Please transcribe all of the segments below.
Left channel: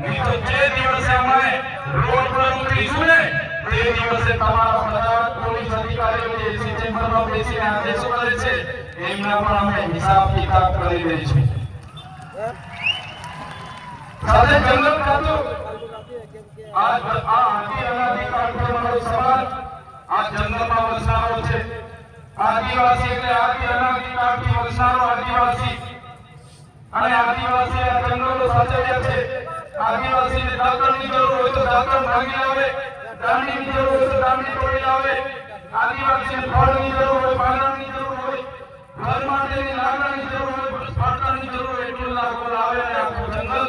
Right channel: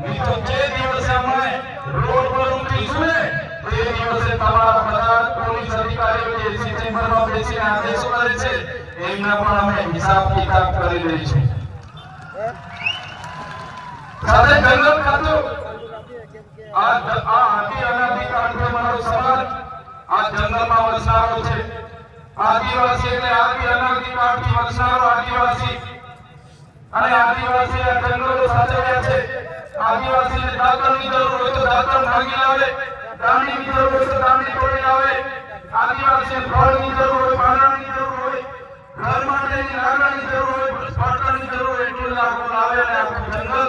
મિત્રો જે દિવસે અમે રોડ પર ઉતરીશું ને તે દિવસે તમારા બધા પોલીસ અધિકારીઓ જે ચેમ્બરમાં બેસીને આદેશો કરે છે, એમના પણ અમે હિસાબ કિતાબ કરી દઈશું સાથે જંગલ ખાતું. આ આદિવાસી એટલે આદિ અનાથી કાંઠી વસનારો આદિવાસી. અને આદિવાસી આ જંગલો સાચવ્યા છે. આદિવાસીને દાતણની જરૂર હોય તો દાતણ ભાંગી લાવે દાંડીની જરૂર હોય તો દાંડી તોડી લાવે, આદિવાસીને ફળની જરૂર હોય પાંદડાની જરૂર હોય, ઘર માટેની લાકડાની જરૂર હોય પડતરની જરૂર હોય, એટલું લાકડું લાવે અને આખું જંગલ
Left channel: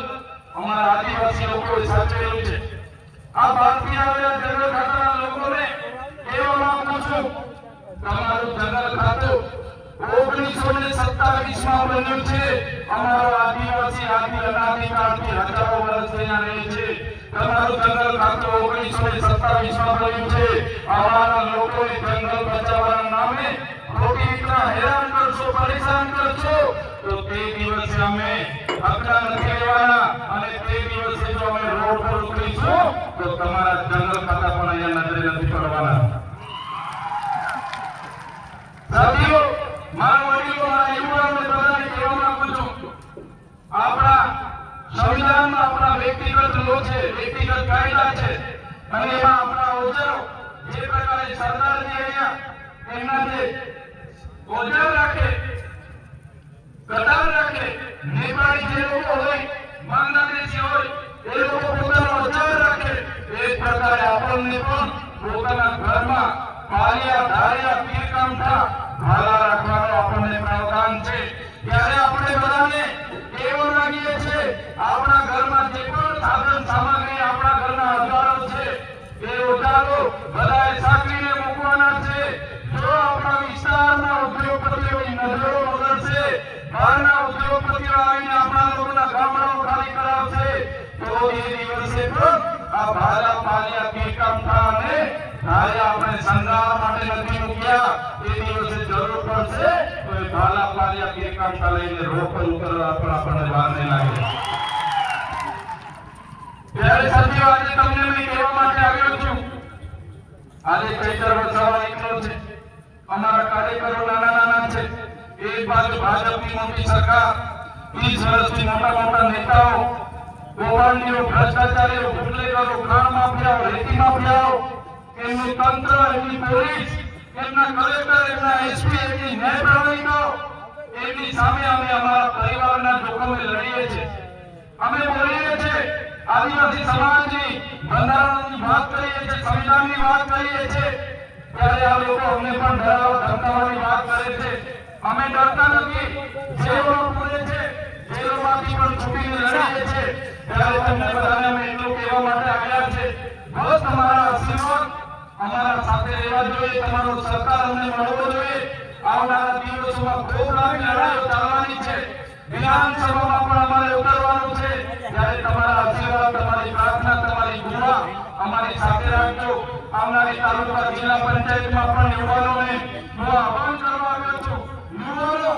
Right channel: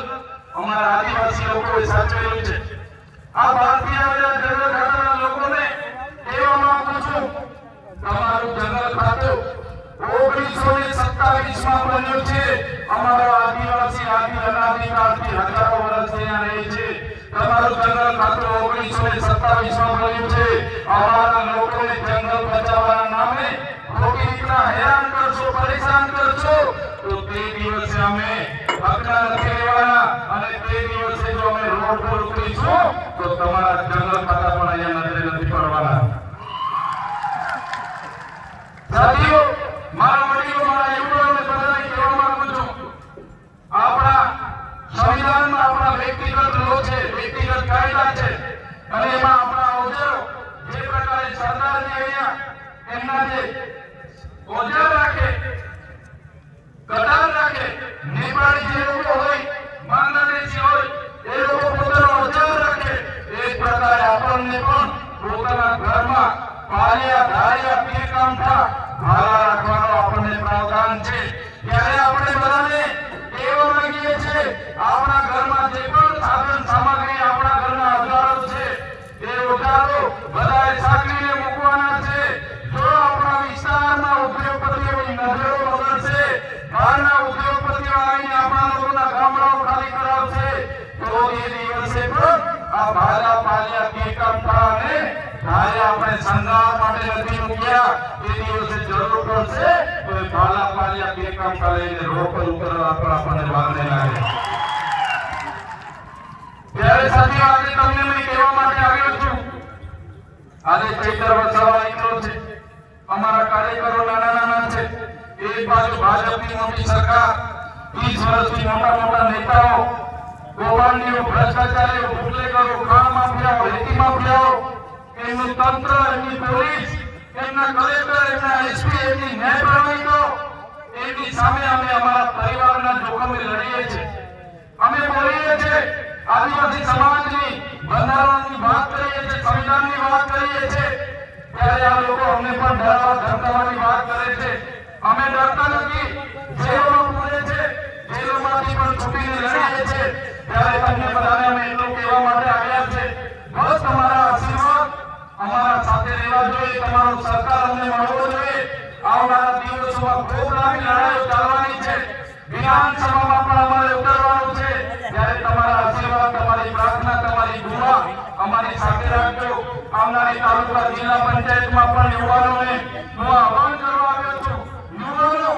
અમારા આદિવાસી લોકોએ સાચવેલું છે. આ ભારતીય જંગલ ખાતાના લોકોને કહેવા માંગુ છું તમારું જંગલ ખાતું ઓગણીસો ને સત્તાવીસમાં બન્યું છે. અમારો આદિવાસી, આદિ અનાદિકાળથી વર્ષથી અહીંયા રહે છે. તમારું જંગલ ખાતું ઓગણીસો ને સત્તાવીસમાં બન્યું છે. અમારા લોકોને જંગલ બચાવવાના નામે ખોટી રીતના હેરાન કરશો, પરેશાન કરશો. તો તે દિવસે અમે હકડા નથી રહેવાના. અને તે દિવસે જો અમે રોડ પર ઉતરીશું, તો તમારા જંગલ ખાતા પણ અહીંયા નજરે નથી પડવાના. સાથીઓ, મારા વડીલો, મારા યુવાનોને બધાને કહેવા માંગુ છું. આપણા સંવિધાનમાં આપણા વ્યક્તિગત લો છે, વ્યક્તિગત કાયદા છે. અને એમાં આપણા ઓજારો, જે પ્રકારે સરદારજી અહીંયા, એમના જે ઓજાર રાખે કટાર રાખે, નેપાળી જે લોકો હોય, બાંગ્લાદેશી હોય, એ લોકો પોતાનો ઓજાર રાખે. એ પ્રકારે આપણને પણ પોતાના ઘરમાં પાળિયા ધારિયા પીરકામઠા ભાલા રાખવાનો આપણને પ્રાવધાન છે. ત્યારે આપણે બધાને કહેવા માંગીએ છીએ આપણા ઘરમાં જે પણ સાધન સામગ્રી આપણા ઘરના અજારો છે એ ઉતારો બધાએ સાચવીને મૂકવાના છે જો આપણા વિસ્તારમાં ઉદ્યોગપતિઓની નજરો બગડશે બહારના ઉદ્યોગપતિઓ આવીને આપણા લોકોના ગામડાઓ ખાલી કરાવશે તો એ દિવસે પણ આ પાલિયા પીરકામઠા અને આપણે સંગાર માટે નથી મૂક્યા એ દિવસે જરૂર પડશે તો એ પાલિયા પીરકામઠા લઈને રોડ પર ઉતરવા પણ આપણને વાર લાગે ત્યારે સાથીઓ આજે તમને મેં કહેવા માટે આવ્યો છું, આજે ચૈત્ર વસાવા આવ્યો છે. અમારા કાર્યકરો નાના નાના છે. એક બાજુ ભાજપની મોટી સરકાર વીસ વર્ષથી મોટા મોટા નેતાઓ ગોવાળીઓ ભ્રષ્ટાચારીઓ બુટલેગરો માફિયાઓ એમનું તંત્ર એમની પોલીસ, એમના કલેક્ટર એમના એસપી એમની ન્યાય પ્રણાલિકો એમની સામે અમે અમારા પરિવારના જોખમે લડીએ છીએ. અમે બોલીએ છીએ, આદિવાસી સમાજની બંધારણની વાત કરીએ છીએ, સંવિધાનની વાત કરીએ છીએ. ત્યારે આ લોકો અમને પણ ડરાવા ધમકાવવાની વાત કરે છે. અમે ડરતા નથી. જેલો પૂરે છે. જેલોમાંથી પણ છૂટીને લડીએ છીએ. ત્યારે તમને બધાને અમે એટલું કહેવા માટે બસ તમારા આશીર્વાદ અમારા સાથે રહેવા જોઈએ, તમારો સરકાર અમને મળવો જોઈએ. આવનારા દિવસોમાં ખૂબ લાંબી લડાઈઓ ચાલવાની છે. વિધાનસભામાં પણ અમારે ઉતરવાનું છે. ત્યારે તમારા આશીર્વાદ, તમારી પ્રાર્થના, તમારી દુઆ અમારી સાથે રાખજો. આવનારી તાલુકા જિલ્લા પંચાયતમાં પણ યુવાનોને હું આહવાન કરવા આવ્યો છું. યુવાનો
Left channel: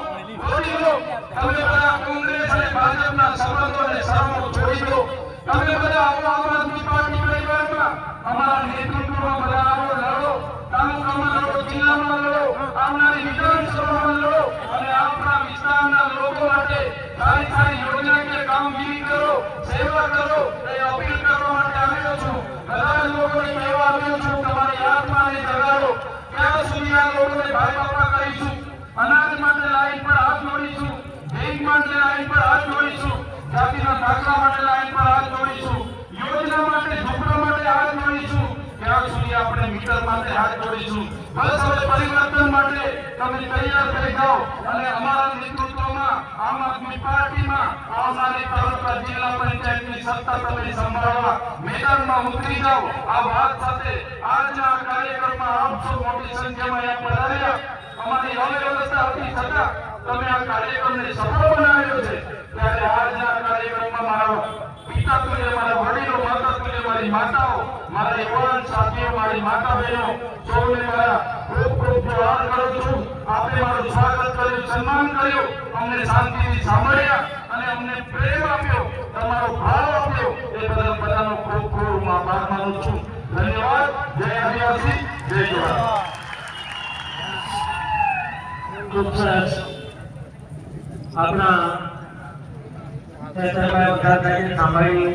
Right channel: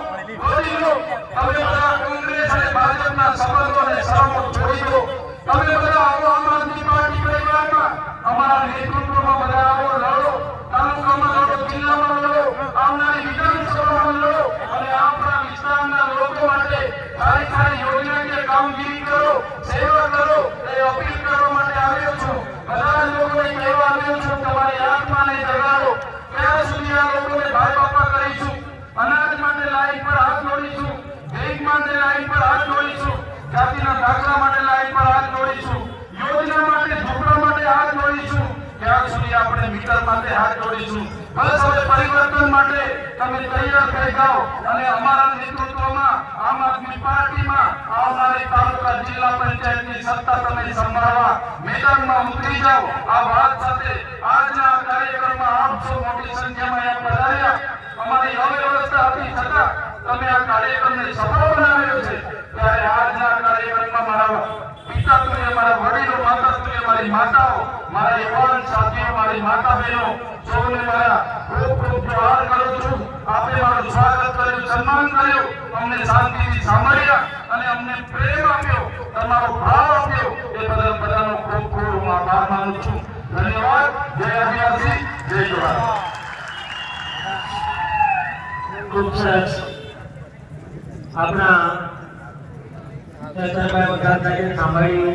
તમે બધા કોંગ્રેસ અને ભાજપના સંબંધોને સામો છોડી દો. તમે બધા આવો આમ આદમી પાર્ટી પરિવારમાં અમારા નેતૃત્વમાં બધા આવો લડો તાલુકામાં લડો જિલ્લામાં લડો આવનારી વિધાનસભામાં લડો અને આપણા વિસ્તારના લોકો માટે સારી સારી યોજનાકીય કામગીરી કરો, સેવા કરો, એ અપીલ કરવા માટે આવ્યો છું. બધા જ લોકોને કહેવા આવ્યો છું, તમારી આત્માને જગાડો. ક્યાં સુધી આ લોકોને ભાઈ બાપા કરીશું. અનાજ માટે લાઈન પર હાથ જોડીશું. બેંક માટે લાઈન પર હાથ જોડીશું. જાતિના દાખલા માટે લાઈન પર હાથ જોડીશું યોજના માટે ઝૂંપડા માટે હાથ જોડીશું ત્યાં સુધી આપણે મિત્ર માટે હાથ જોડીશું. બસ હવે પરિવર્તન માટે તમે તૈયાર થઈ જાઓ અને અમારા નેતૃત્વમાં આમ આદમી પાર્ટીમાં આવનારી તાલુકા જિલ્લા પંચાયતની સત્તા તમે સંભાળવા મેદાનમાં ઉતરી જાઓ. આ વાત સાથે આજના કાર્યક્રમમાં આપ મોટી સંખ્યામાં અહીંયા પધાર્યા. અમારી અવ્યવસ્થા હતી છતાં તમે આ કાર્યક્રમને સફળ બનાવ્યો છે. ત્યારે આજના કાર્યક્રમમાં મારા પિતા તુલ્ય મારા વડીલો માતાઓ, મારા યુવાન સાથીઓ, મારી માતા બહેનો સૌને મારા ખૂબ ખૂબ પ્રહાર કરું છું આપે મારું સ્વાગત કર્યું, સન્માન કર્યું, અમને શાંતિથી સાંભળ્યા અને અમને પ્રેમ આપ્યો, તમારો ભાવ આપ્યો, એ બદલ બધાનો ખૂબ ખૂબ આભાર માનું છું. ધન્યવાદ. જય આદિવાસી, જય જવાહર ખૂબ સરસ. આપણા સાંભળી